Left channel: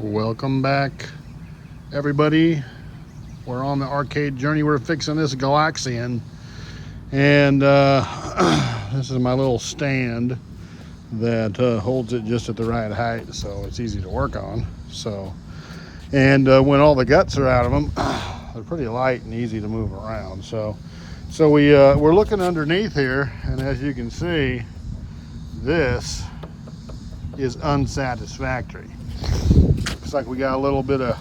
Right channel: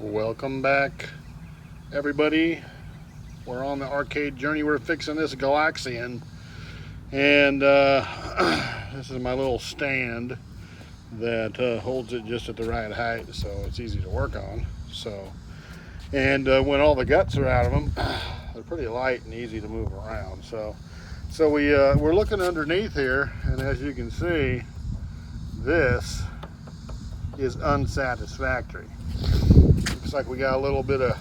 Welcome back, everybody. We're on the arcade journey. We're fixing this Galaxian, and this is my little stand that holds it just at the right height, so it's easy to work on. And when all the guts are out of them, they're pretty light and easy to move around. So we're looking underneath here, and as you can see, this is unsatisfactory. Looks like we got a little bit of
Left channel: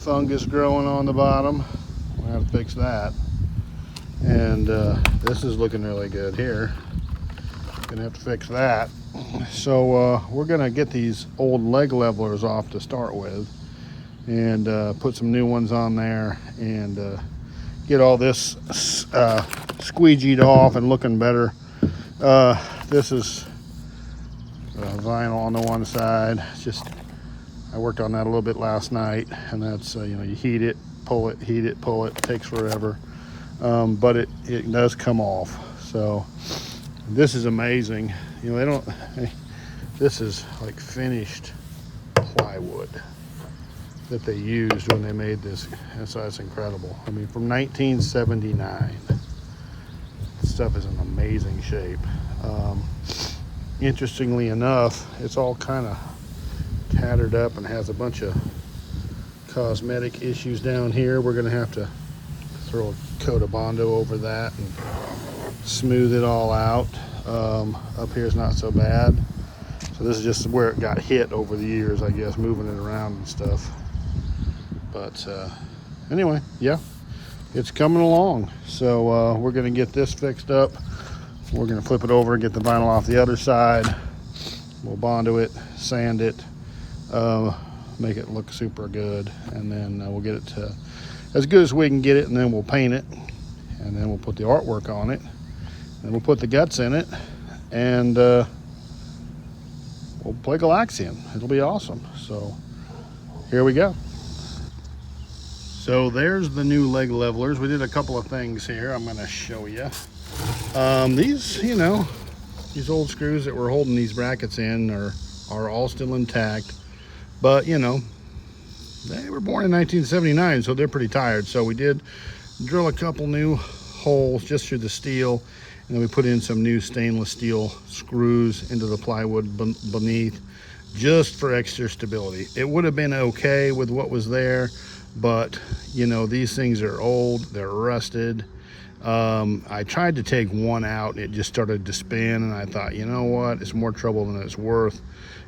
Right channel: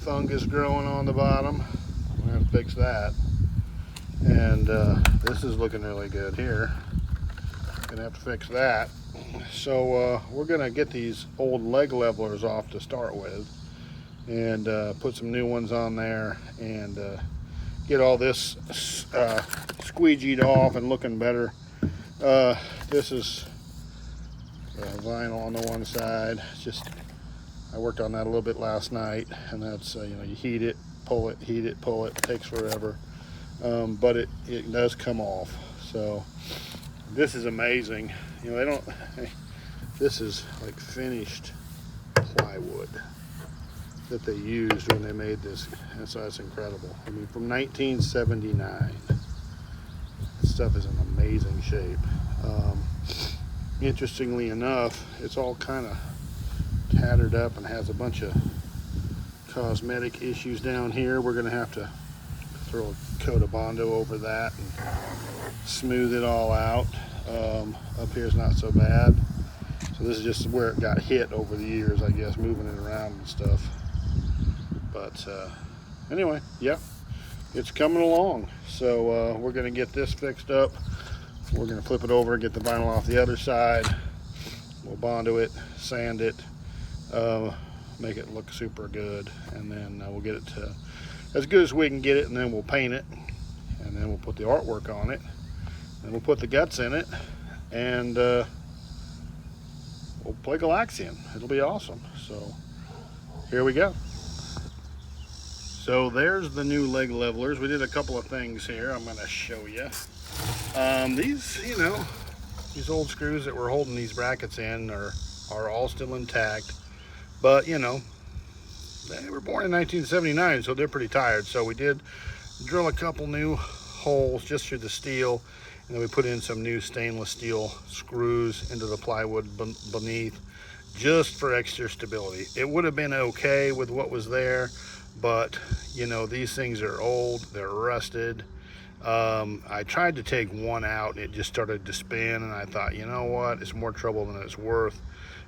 fungus growing on the bottom. We'll have to fix that. And this is looking really good here. Gonna have to fix that. So we're gonna get these old leg levelers off to start with, and put some new ones on there, and get all this squeegeed off and looking better. This is vinyl on the one side. I worked on that a little bit last night, and that's you heat it, pull it, heat it, pull it. It takes forever, but it does come off. So this is amazing. This is like finished plywood that they used when they made this, and so that's incredible. I mean, from 1979. This stuff is in amazing shape. Interestingly enough, it's all kind of tattered up and has a bunch of cosmetic issues down here. We're gonna have to throw a coat of bondo over that and smooth it all out. Up here is not so bad. So this is just where it got hit over the years, I guess, moving it around and stuff. But anyway, yeah, it's coming along. So we're gonna get this fixed up. We're gonna flip it over, get the vinyl off the other side. We'll bondo it, sand it, make it look super good, and then we'll get it to as good as we can get it, and then we'll paint it, and then we'll put the artwork on it, and we'll put the guts in it, and we'll play Galaxian. It'll be awesome. So here we go. So there's the new leg levelers. We did a couple of things here I'm going to show you. These old screws that we're holding these brackets in are all still intact, but they were born in 1979, so they're pretty tired. So we did drill a couple new holes just through the steel, and then we put in some new stainless steel screws into the plywood beneath, just for extra stability. It would have been okay with what was there, but these things are old, they're rusted. I tried to take one out, and it just started to spin, and I thought, you know what, it's more trouble than it's worth.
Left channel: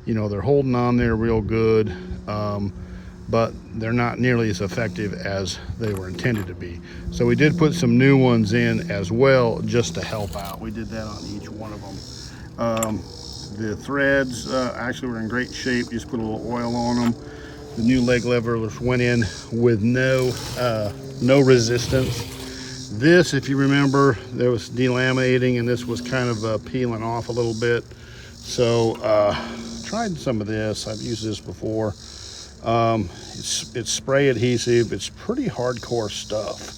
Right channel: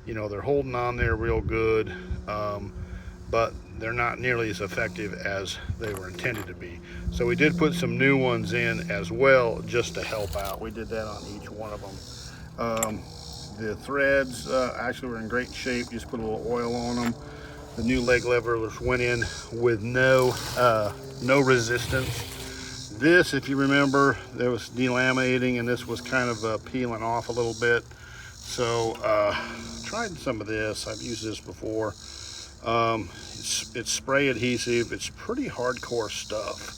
They're holding on there real good, but they're not nearly as effective as they were intended to be. So we did put some new ones in as well, just to help out. We did that on each one of them. The threads actually were in great shape. Just put a little oil on them. The new leg levelers went in with no resistance. This, if you remember, there was delaminating, and this was kind of peeling off a little bit. So tried some of this. I've used this before. It's spray adhesive. It's pretty hardcore stuff.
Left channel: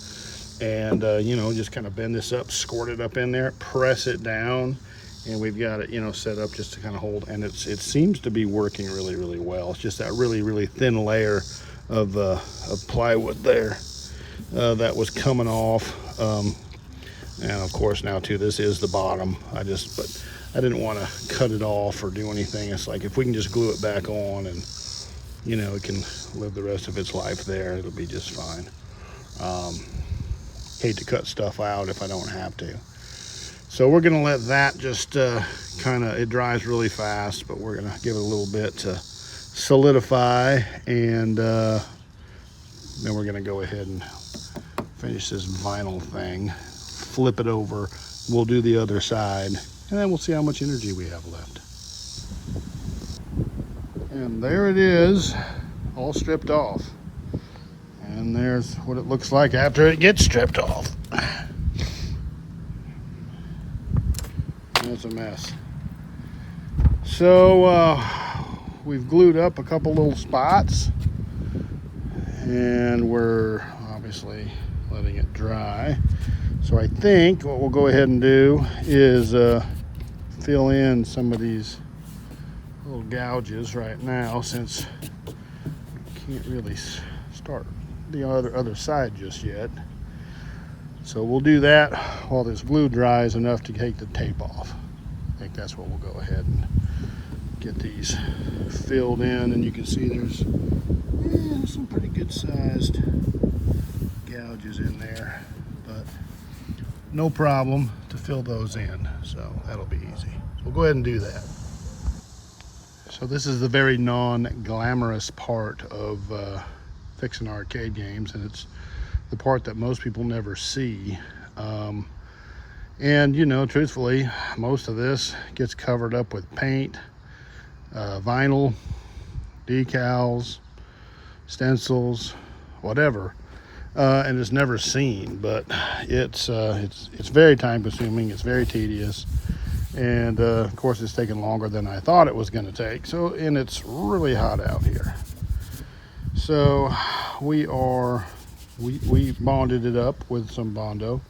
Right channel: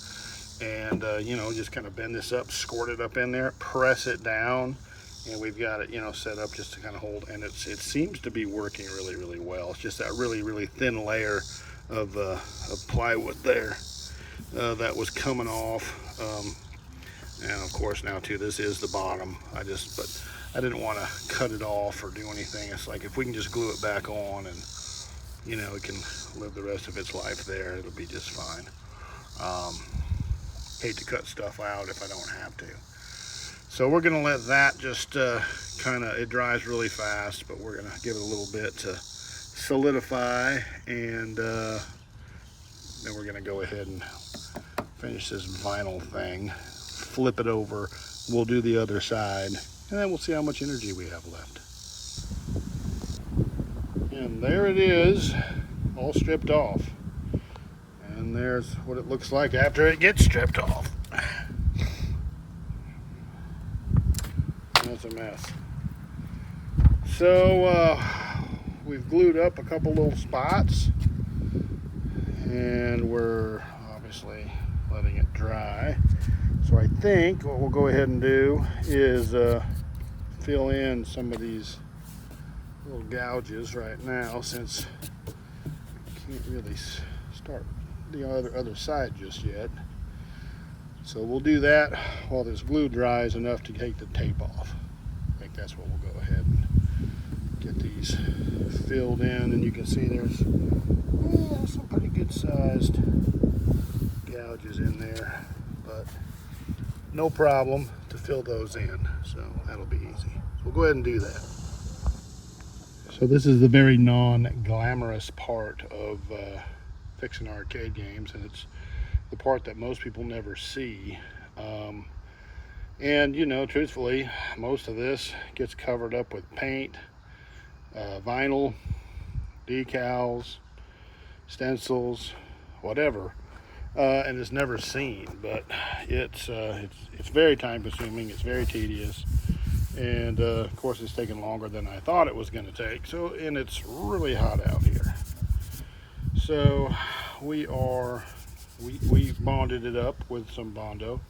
And just kind of bend this up, squirt it up in there, press it down, and we've got it set up just to kind of hold. And it seems to be working really, really well. It's just that really, really thin layer of plywood there that was coming off. And of course now too, this is the bottom. But I didn't want to cut it off or do anything. It's like, if we can just glue it back on, and it can live the rest of its life there, it'll be just fine. Hate to cut stuff out if I don't have to. So we're gonna let that just it dries really fast, but we're gonna give it a little bit to solidify, and then we're gonna go ahead and finish this vinyl thing, flip it over, we'll do the other side, and then we'll see how much energy we have left. And there it is, all stripped off. And there's what it looks like after it gets stripped off. That's a mess. So we've glued up a couple little spots, and we're obviously letting it dry. So I think what we'll go ahead and do is fill in some of these little gouges right now, since we can't really start the other side just yet. So we'll do that while this glue dries enough to take the tape off. I think that's what we'll go ahead and get these filled in, and you can see there's some pretty good sized gouges in there, but no problem to fill those in, so that'll be easy. So we'll go ahead and do that. So this is the very non-glamorous part of fixing arcade games, and it's the part that most people never see. And you know, truthfully, most of this gets covered up with paint, vinyl, decals, stencils, whatever, and it's never seen. But it's very time consuming, it's very tedious, and of course it's taken longer than I thought it was going to take. So, and it's really hot out here, so we bonded it up with some bondo,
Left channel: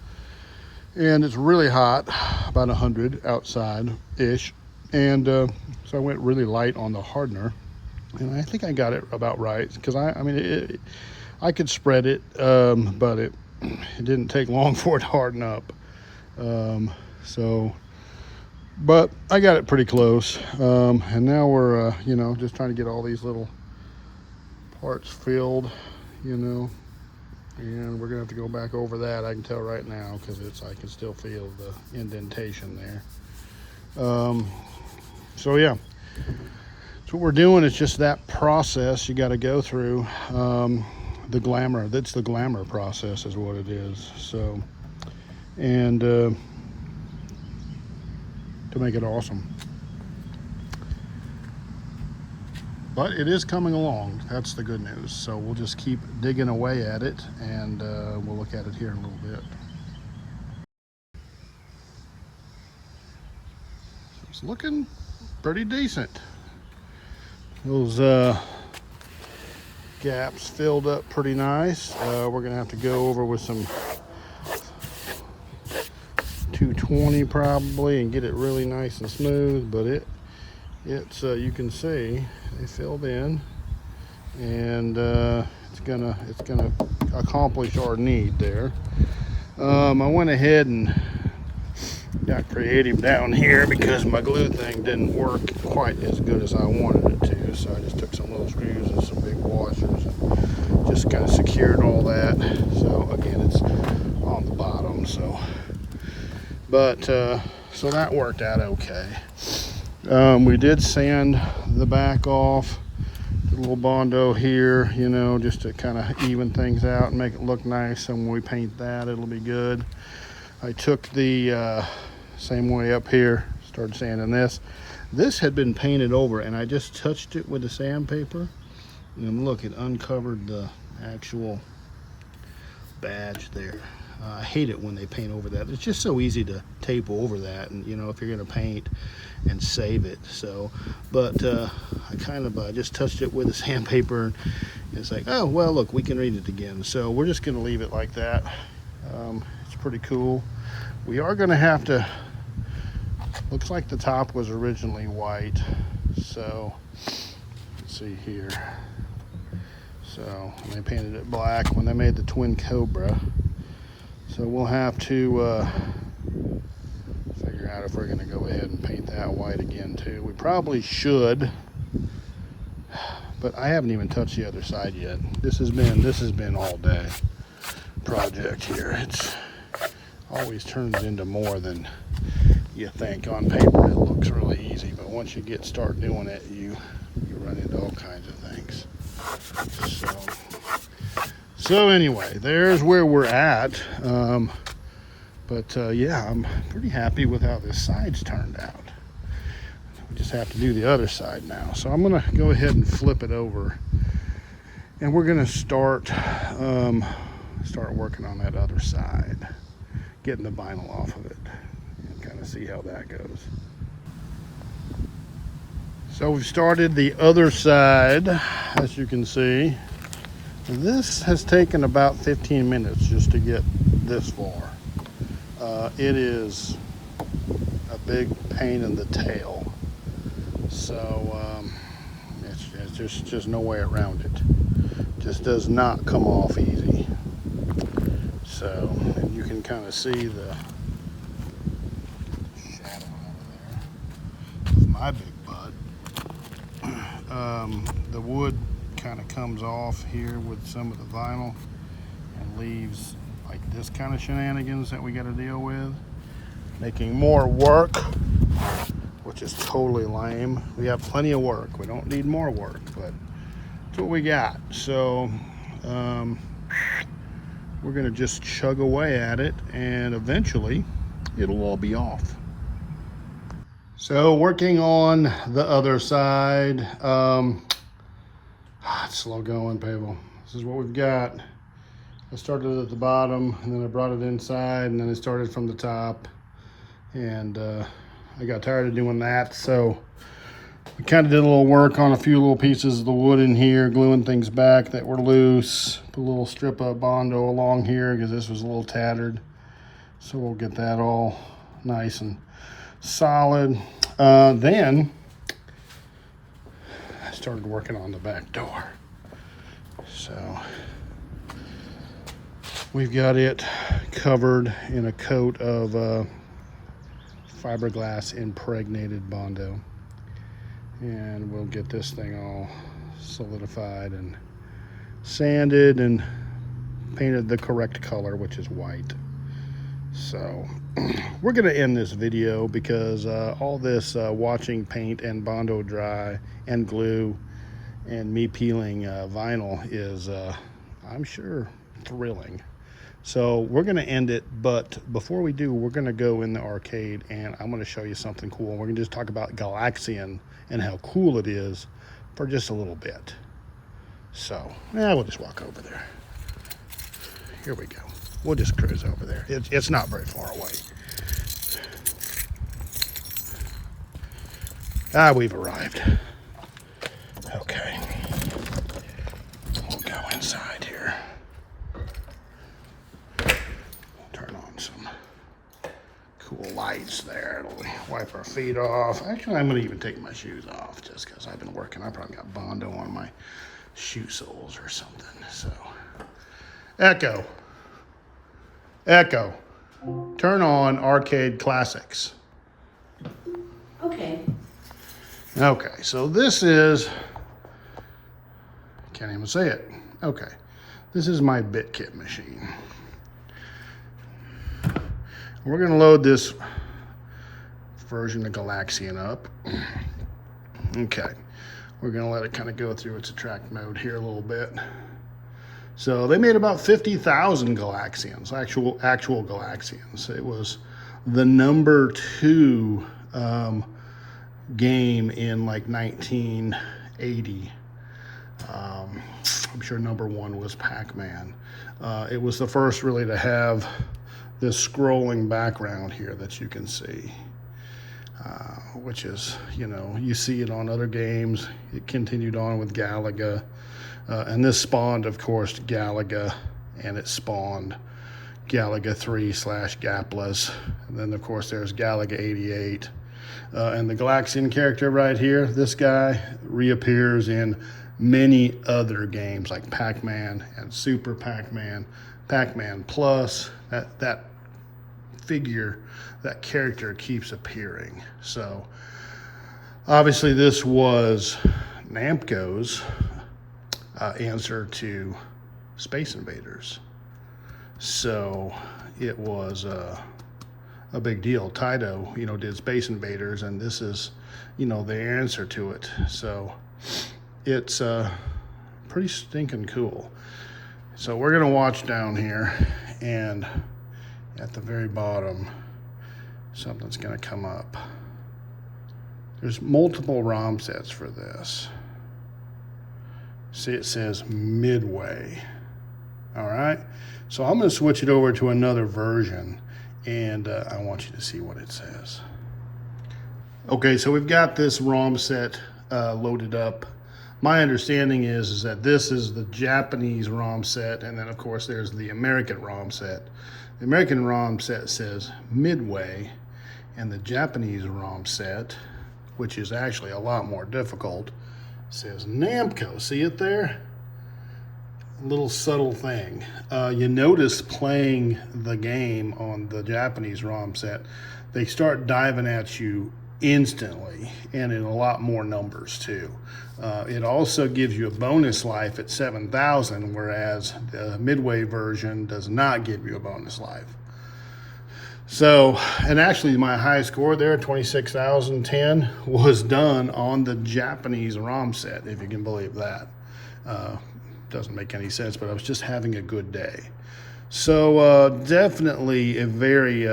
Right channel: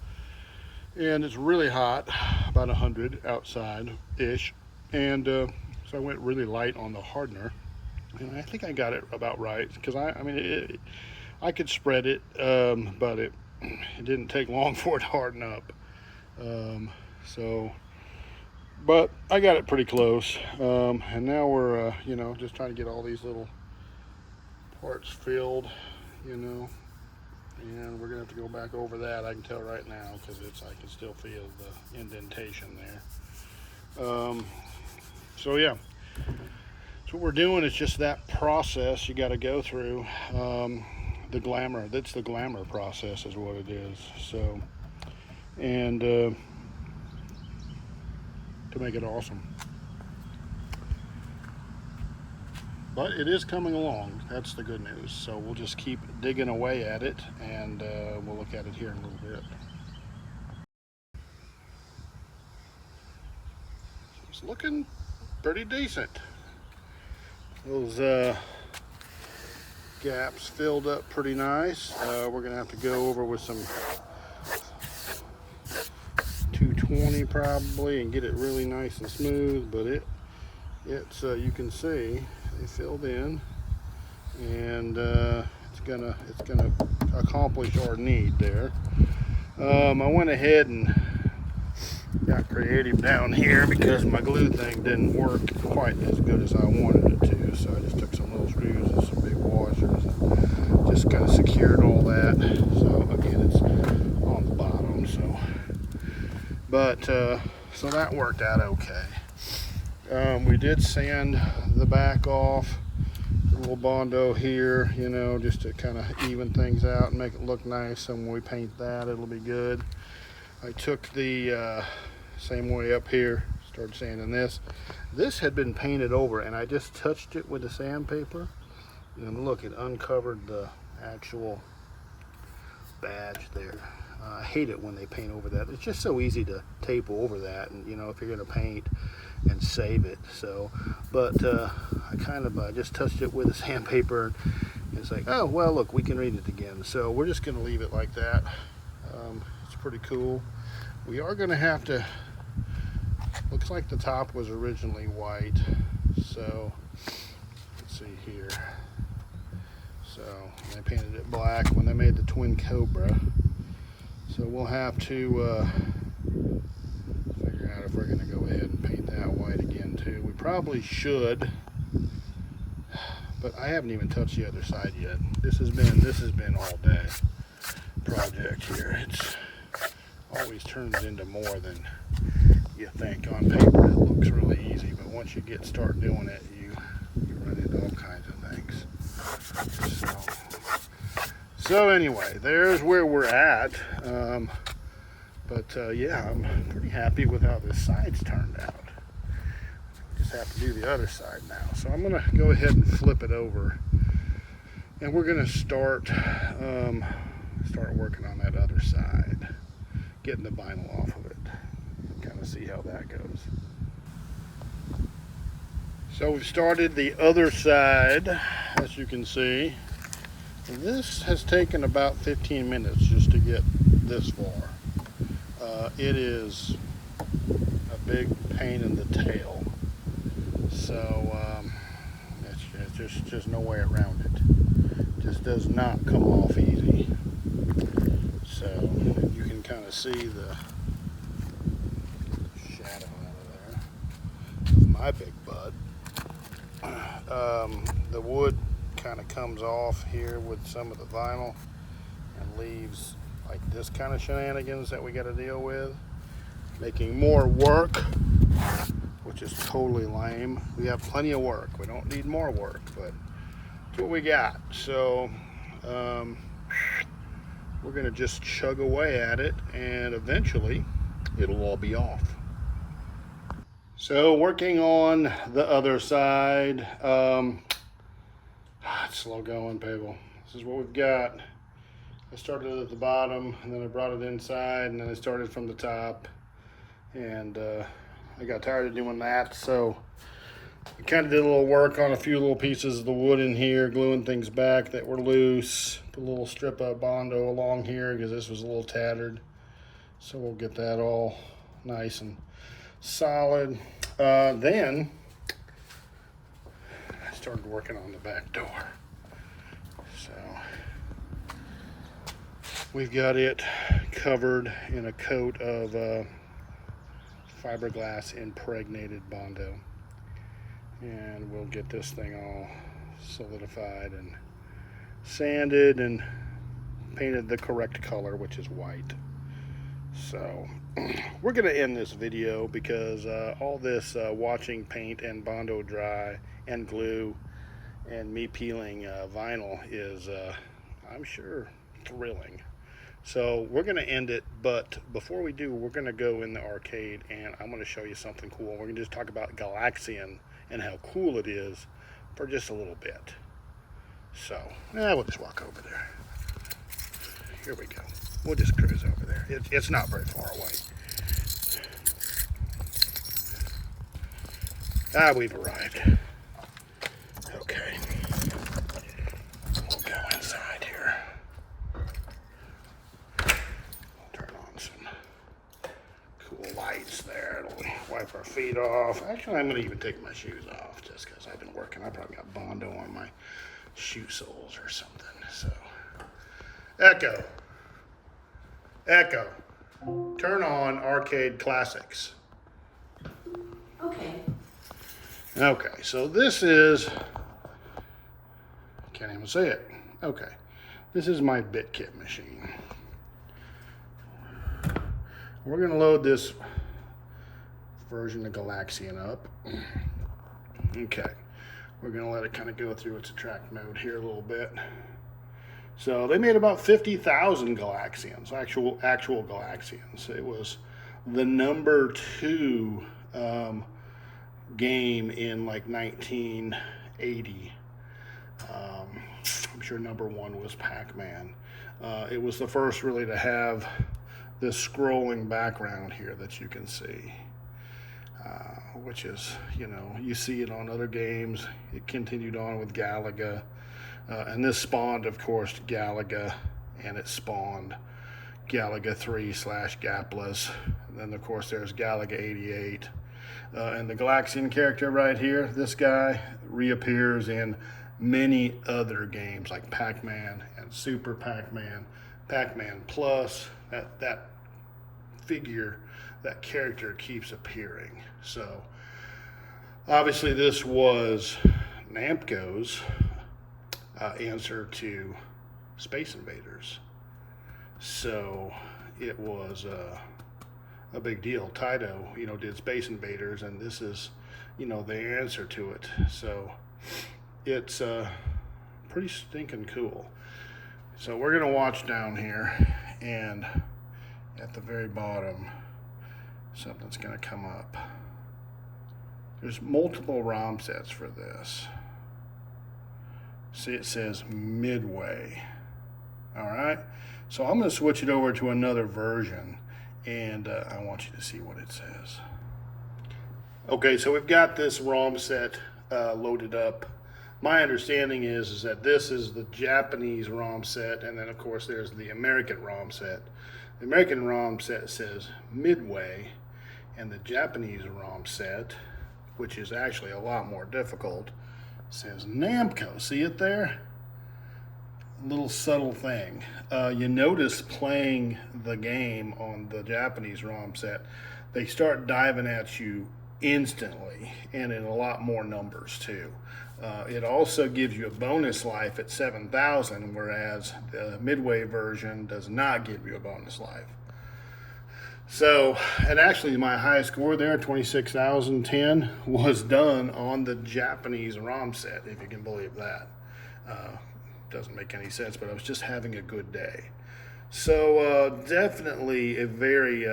and it's really hot, about 100 outside ish, and so I went really light on the hardener, and I think I got it about right, because I could spread it, but it didn't take long for it to harden up. But I got it pretty close, and now we're you know, just trying to get all these little parts filled, you know, and we're gonna have to go back over that. I can tell right now, because I can still feel the indentation there. So yeah, so what we're doing is just that process you got to go through. The glamour, that's the glamour process is what it is. So, and to make it awesome. But it is coming along, that's the good news. So we'll just keep digging away at it, and we'll look at it here in a little bit. It's looking pretty decent. Those gaps filled up pretty nice. We're gonna have to go over with some 220 probably and get it really nice and smooth, but it's you can see they filled in, and it's gonna accomplish our need there. I went ahead and got creative down here because my glue thing didn't work quite as good as I wanted it to, so I just took some little screws and some big washers and just kind of secured all that. So again, it's on the bottom, so so that worked out okay. We did sand the back off, a little bondo here, you know, just to kind of even things out and make it look nice. So when we paint that, it'll be good. I took the same way up here, started sanding this. This had been painted over, and I just touched it with the sandpaper, and look, it uncovered the actual badge there. I hate it when they paint over that. It's just so easy to tape over that, and you know, if you're gonna paint and save it. So, but I kind of just touched it with the sandpaper, and it's like, oh well, look, we can read it again. So we're just gonna leave it like that. It's pretty cool. We are gonna have to, looks like the top was originally white, so let's see here. So they painted it black when they made the twin cobra. So we'll have to figure out if we're going to go ahead and paint that white again too. We probably should, but I haven't even touched the other side yet. This has been all day project here. It's always turns into more than you think. On paper it looks really easy, but once you start doing it, you run into all kinds of things. So anyway, there's where we're at. Yeah, I'm pretty happy with how this side's turned out. We just have to do the other side now. So I'm gonna go ahead and flip it over, and we're gonna start working on that other side, getting the vinyl off of it, kind of see how that goes. So we've started the other side, as you can see. This has taken about 15 minutes just to get this far. It is a big pain in the tail. So it's just no way around it. Just does not come off easy. So you can kind of see the shadow out of there of my big bud. The wood kind of comes off here with some of the vinyl and leaves like this kind of shenanigans that we got to deal with, making more work, which is totally lame. We have plenty of work. We don't need more work, but that's what we got. So we're gonna just chug away at it, and eventually it'll all be off. So working on the other side, it's slow going, people. This is what we've got. I started at the bottom, and then I brought it inside, and then I started from the top, and I got tired of doing that, so we kind of did a little work on a few little pieces of the wood in here, gluing things back that were loose. Put a little strip of bondo along here because this was a little tattered, so we'll get that all nice and solid. Then I started working on the back door. So we've got it covered in a coat of fiberglass impregnated bondo, and we'll get this thing all solidified and sanded and painted the correct color, which is white. So we're going to end this video because all this watching paint and bondo dry and glue and me peeling vinyl is, I'm sure, thrilling. So we're going to end it, but before we do, we're going to go in the arcade and I'm going to show you something cool. We're going to just talk about Galaxian and how cool it is for just a little bit. So we'll just walk over there. Here we go. We'll just cruise over there. It's not very far away. We've arrived. Okay. We'll go inside here. Turn on some cool lights there. It'll wipe our feet off. Actually, I'm going to even take my shoes off just because I've been working. I probably got bondo on my shoe soles or something. So, Echo, turn on Arcade Classics. Okay. Okay, so this is, can't even say it. Okay, this is my BitKit machine. We're gonna load this version of Galaxian up. Okay, we're gonna let it kind of go through its attract mode here a little bit. So they made about 50,000 Galaxians, actual Galaxians. It was the #2 game in like 1980. I'm sure #1 was Pac-Man. It was the first really to have this scrolling background here that you can see, which is, you see it on other games. It continued on with Galaga. And this spawned, of course, Galaga, and it spawned Galaga 3/Gapless. And then, of course, there's Galaga 88. And the Galaxian character right here, this guy, reappears in many other games like Pac-Man and Super Pac-Man, Pac-Man Plus. That figure, that character keeps appearing. So, obviously, this was Namco's answer to Space Invaders. So it was a big deal. Taito, did Space Invaders, and this is, the answer to it. So it's pretty stinking cool. So we're gonna watch down here, and at the very bottom, something's gonna come up. There's multiple ROM sets for this. See, it says Midway. All right, so I'm going to switch it over to another version, and I want you to see what it says. Okay, so we've got this ROM set loaded up. My understanding is that this is the Japanese ROM set, and then of course there's the American ROM set. The American ROM set says Midway, and the Japanese ROM set, which is actually a lot more difficult. It says Namco, see it there? A little subtle thing. You notice playing the game on the Japanese ROM set, they start diving at you instantly and in a lot more numbers too. It also gives you a bonus life at 7,000, whereas the Midway version does not give you a bonus life. So, and actually my high score there, 26,010, was done on the Japanese ROM set, if you can believe that. Doesn't make any sense, but I was just having a good day. So definitely a very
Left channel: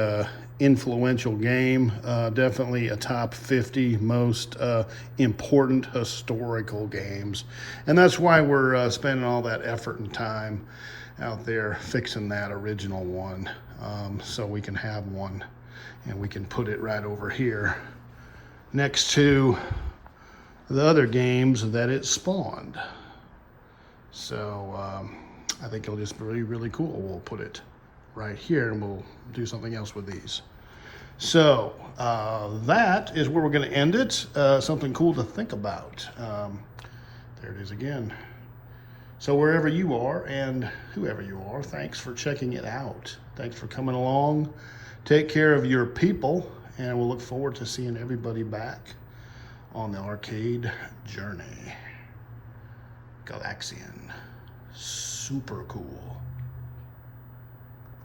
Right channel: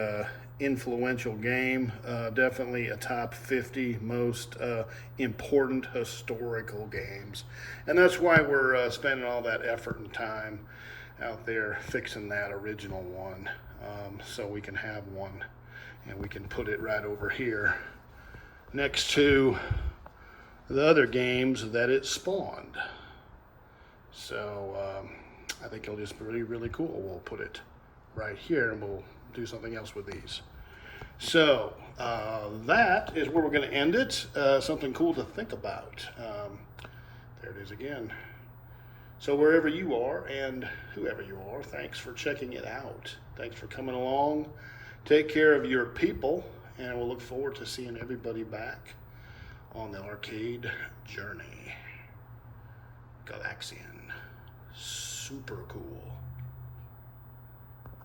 influential game, definitely a top 50 most important historical games. And that's why we're spending all that effort and time out there fixing that original one, so we can have one and we can put it right over here next to the other games that it spawned. So I think it'll just be really, really cool. We'll put it right here and we'll do something else with these. So that is where we're going to end it. Something cool to think about. There it is again. So wherever you are and whoever you are, thanks for checking it out. Thanks for coming along. Take care of your people, and we'll look forward to seeing everybody back on the arcade journey. Galaxian. Super cool.